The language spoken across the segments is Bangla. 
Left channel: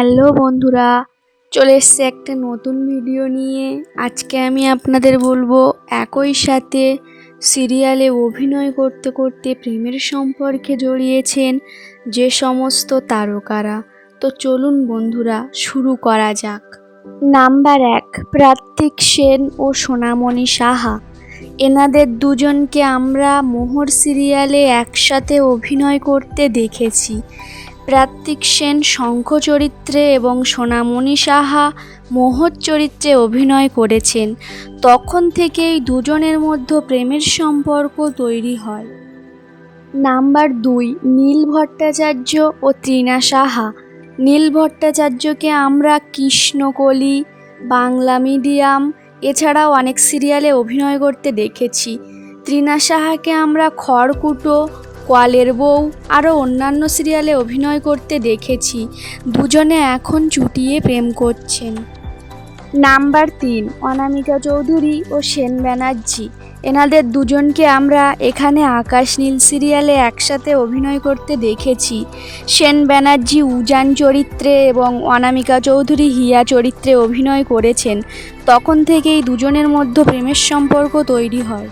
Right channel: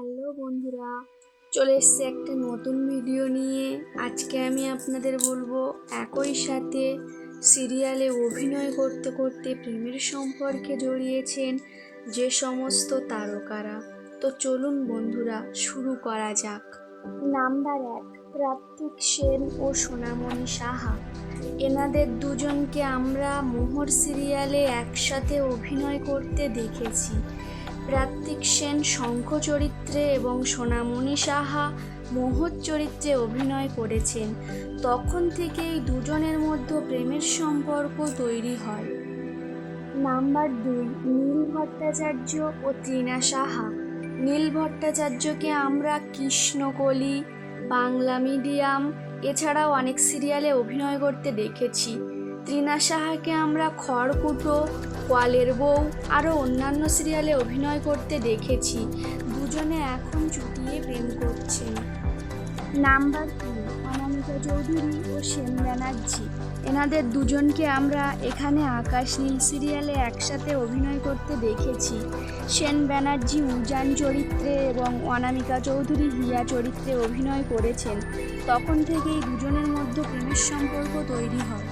হ্যালো বন্ধুরা, চলে এসছে একটা নতুন ভিডিও নিয়ে। আজকে আমি আপনাদের বলব একই সাথে সিরিয়ালে অভিনয় করতে করতে প্রেমের সম্পর্কে জড়িয়েছেন যে সমস্ত তারকারা। তো চলুন বন্ধুরা, শুরু করা যাক। নাম্বার এক প্রাত্তিক সেন ও সোনামণি সাহা। এনাদের দুজনকে আমরা মোহর সিরিয়ালে একসাথে অভিনয় করতে দেখেছি। প্রাত্তিক সেন শঙ্খ চরিত্রে এবং সোনামণি সাহা মোহর চরিত্রে অভিনয় করেছেন। তখন থেকেই দুজনের মধ্যে প্রেমের সম্পর্ক তৈরি হয়। নাম্বার দুই, নীল ভট্টাচার্য ও তৃণা সাহা। নীল ভট্টাচার্যকে আমরা কৃষ্ণকলি, বাংলা মিডিয়াম, এছাড়াও অনেক সিরিয়ালে অভিনয় করতে দেখেছি। তৃণা সাহাকে আমরা খড়কুটো কোয়ালের বউ, আরও অন্যান্য সিরিয়ালে অভিনয় করতে দেখেছি। দুজনে এখন চুটিয়ে প্রেম করছেন। নাম্বার তিন, অনামিকা চৌধুরী ও সেন ব্যানার্জি। এনাদের দুজনকে আমরা এখানে আকাশ নীল সিরিয়ালে একসাথে অভিনয় করতে দেখেছি। সেন ব্যানার্জি উজান চরিত্রে এবং অনামিকা চৌধুরী হিয়া চরিত্রে অভিনয় করেছেন। তখন থেকেই দুজনের মধ্যে প্রেমের সম্পর্ক তৈরি হয়।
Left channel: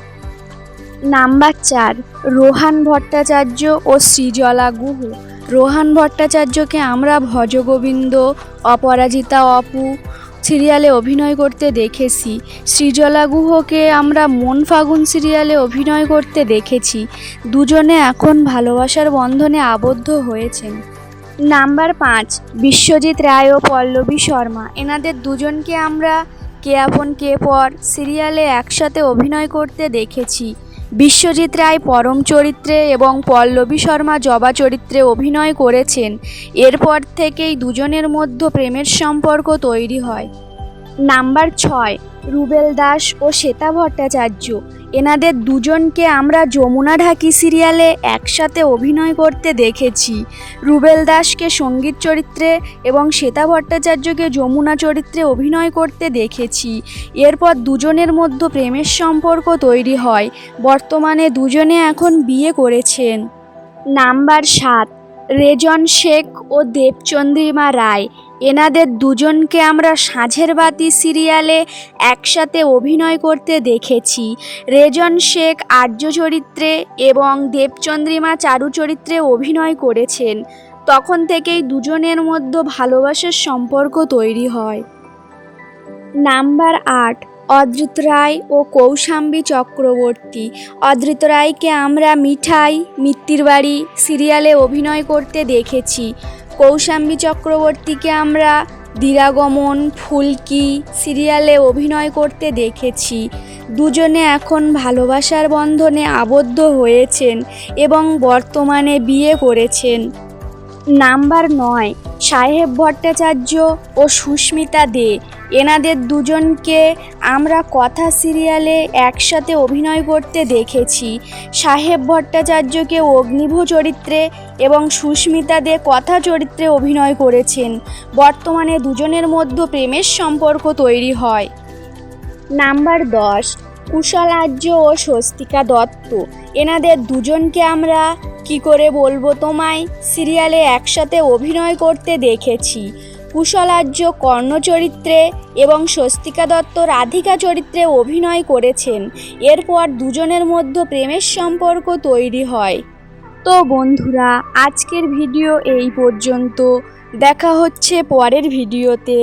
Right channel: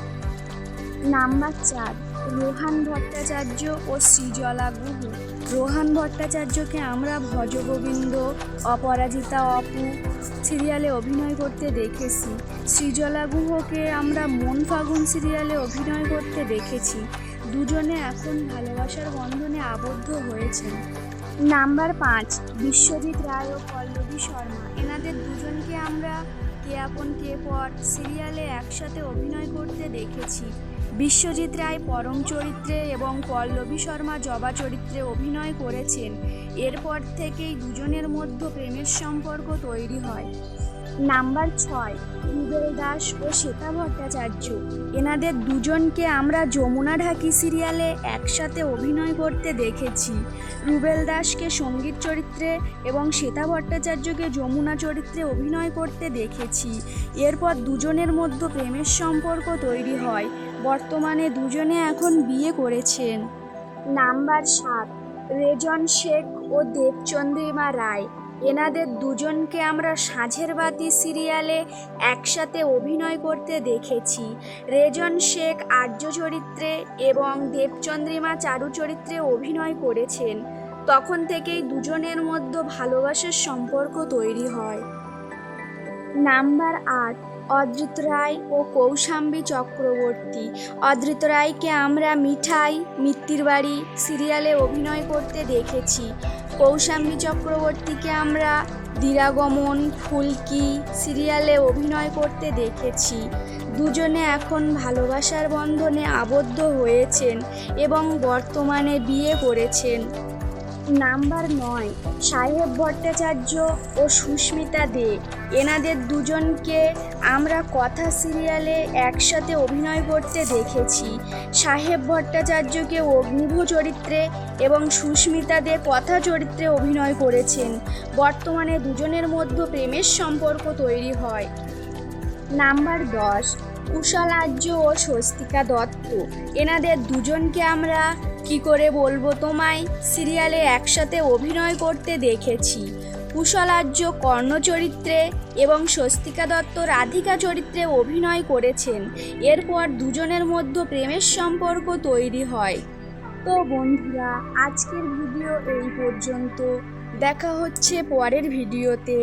নাম্বার চার, রোহান ভট্টাচার্য ও সৃজলা গুহ। রোহান ভট্টাচার্যকে আমরা ভজগোবিন্দ, অপরাজিতা অপু সিরিয়ালে অভিনয় করতে দেখেছি। সৃজলা গুহকে আমরা মন ফাগুন সিরিয়ালে অভিনয় করতে দেখেছি। দুজনে এখন ভালোবাসার বন্ধনে আবদ্ধ হয়েছেন। নাম্বার পাঁচ, বিশ্বজিৎ রায় ও পল্লবী শর্মা। এনাদের দুজনকে আমরা কে আপন কে পর সিরিয়ালে একসাথে অভিনয় করতে দেখেছি। বিশ্বজিৎ রায় পরম চরিত্রে এবং পল্লবী শর্মা জবা চরিত্রে অভিনয় করেছেন। এরপর থেকেই দুজনের মধ্যে প্রেমের সম্পর্ক তৈরি হয়। নাম্বার ছয়, রুবেল দাস ও শ্বেতা ভট্টাচার্য। এনাদের দুজনকে আমরা যমুনা ঢাকি সিরিয়ালে একসাথে অভিনয় করতে দেখেছি। রুবেল দাসকে সংগীত চরিত্রে এবং শ্বেতা ভট্টাচার্যকে যমুনা চরিত্রে অভিনয় করতে দেখেছি। এরপর দুজনের মধ্যে প্রেমের সম্পর্ক তৈরি হয়। বর্তমানে দুজনে এখন বিয়ে করেছেন। নাম্বার সাত, রেজন শেখ ও দেবচন্দ্রিমা রায়। এনাদের দুজনকে আমরা সাঁঝের বাতি সিরিয়ালে একসাথে অভিনয় করতে দেখেছি। রেজন শেখ আর্য চরিত্রে এবং দেবচন্দ্রিমা চারু চরিত্রে অভিনয় করেছেন। তখন থেকেই দুজনের মধ্যে ভালোবাসার সম্পর্ক তৈরি হয়। নাম্বার আট অদ্রিত রায় ও কৌশাম্বী চক্রবর্তী। অদ্রিত রায়কে আমরা মিঠাই, মিত্তির বাড়ি সিরিয়ালে অভিনয় করতে দেখেছি। কৌশাম্বী চক্রবর্তীকে আমরা দীরাগমন, ফুলকি সিরিয়ালে অভিনয় করতে দেখেছি। দুজনে এখন ভালোবাসার বন্ধনে আবদ্ধ হয়েছেন এবং বর্তমানে বিয়ে করেছেন। নাম্বার নয়, সাহেব ভট্টাচার্য ও সুস্মিতা দে। এনাদের দুজনকে আমরা কথা সিরিয়ালে একসাথে অভিনয় করতে দেখেছি। সাহেব ভট্টাচার্যকে অগ্নিভ চরিত্রে এবং সুস্মিতা দে কথা চরিত্রে অভিনয় করেছেন। বর্তমানে দুজনের মধ্যে প্রেমের সম্পর্ক তৈরি হয়। নাম্বার দশ কুশল আর্য ও স্বস্তিকা দত্ত। এনাদের দুজনকে আমরা কি করে বলব তোমায়? সিরিয়ালে একসাথে অভিনয় করতে দেখেছি। কুশলার্য কর্ণ চরিত্রে এবং স্বস্তিকা দত্ত রাধিকা চরিত্রে অভিনয় করেছেন। এরপর দুজনের মধ্যে প্রেমের সম্পর্ক তৈরি হয়। তো বন্ধুরা, আজকের ভিডিও এই পর্যন্ত। দেখা হচ্ছে পরের ভিডিওতে।